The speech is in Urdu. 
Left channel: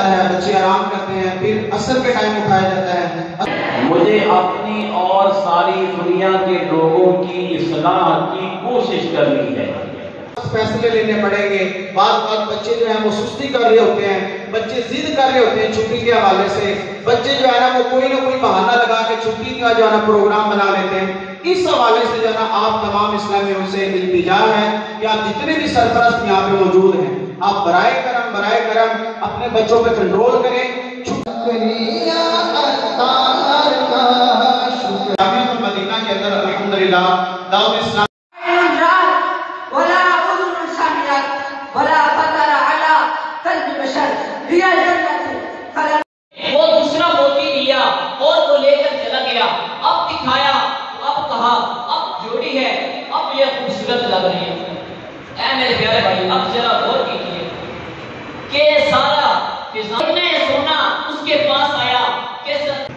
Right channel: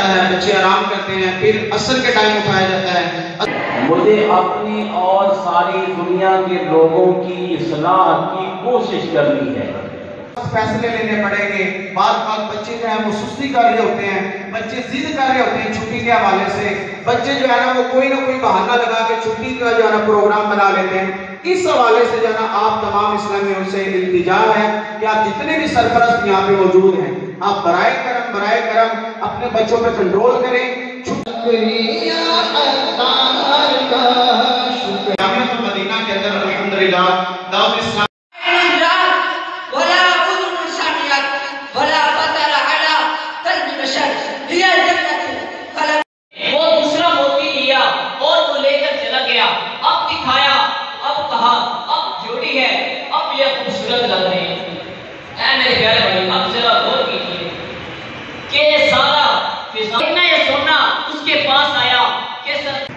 جاتا ہے، بچے آرام کرتے ہیں، پھر عصر کے ٹائم اٹھایا جاتا ہے۔ مجھے اپنی اور ساری دنیا کے لوگوں کی اصلاح کی کوشش کرنی ہے۔ فیصلے لینے پڑیں گے۔ بعض بچے جو ہیں وہ سستی کر رہے ہوتے ہیں، بچے ضد کر رہے ہوتے ہیں چھٹی کے حوالے سے، بچے جو ہے نا وہ کوئی نہ کوئی بہانہ لگا کے چھٹی کا جو ہے نا پروگرام بنا لیتے ہیں۔ اس حوالے سے جو ہے نا آپ تمام اسلامیوں سے التجا ہے کہ آپ جتنے بھی سرپرست یہاں پہ موجود ہیں، آپ برائے کرم اپنے بچوں پہ کنٹرول کریں۔ مدینہ کے اندر الحمدللہ دعوت اسلام وہ دوسرا موتی لیا اور وہ لے کر چلا گیا، اب دکھایا، اب کہا اب جوڑی ہے، اب یہ خوبصورت لگ رہی ہے۔ اے میرے پیارے بھائی، اب ذرا غور کیجیے کہ سارا فضائل سونا اس کے پاس آیا کہ سلام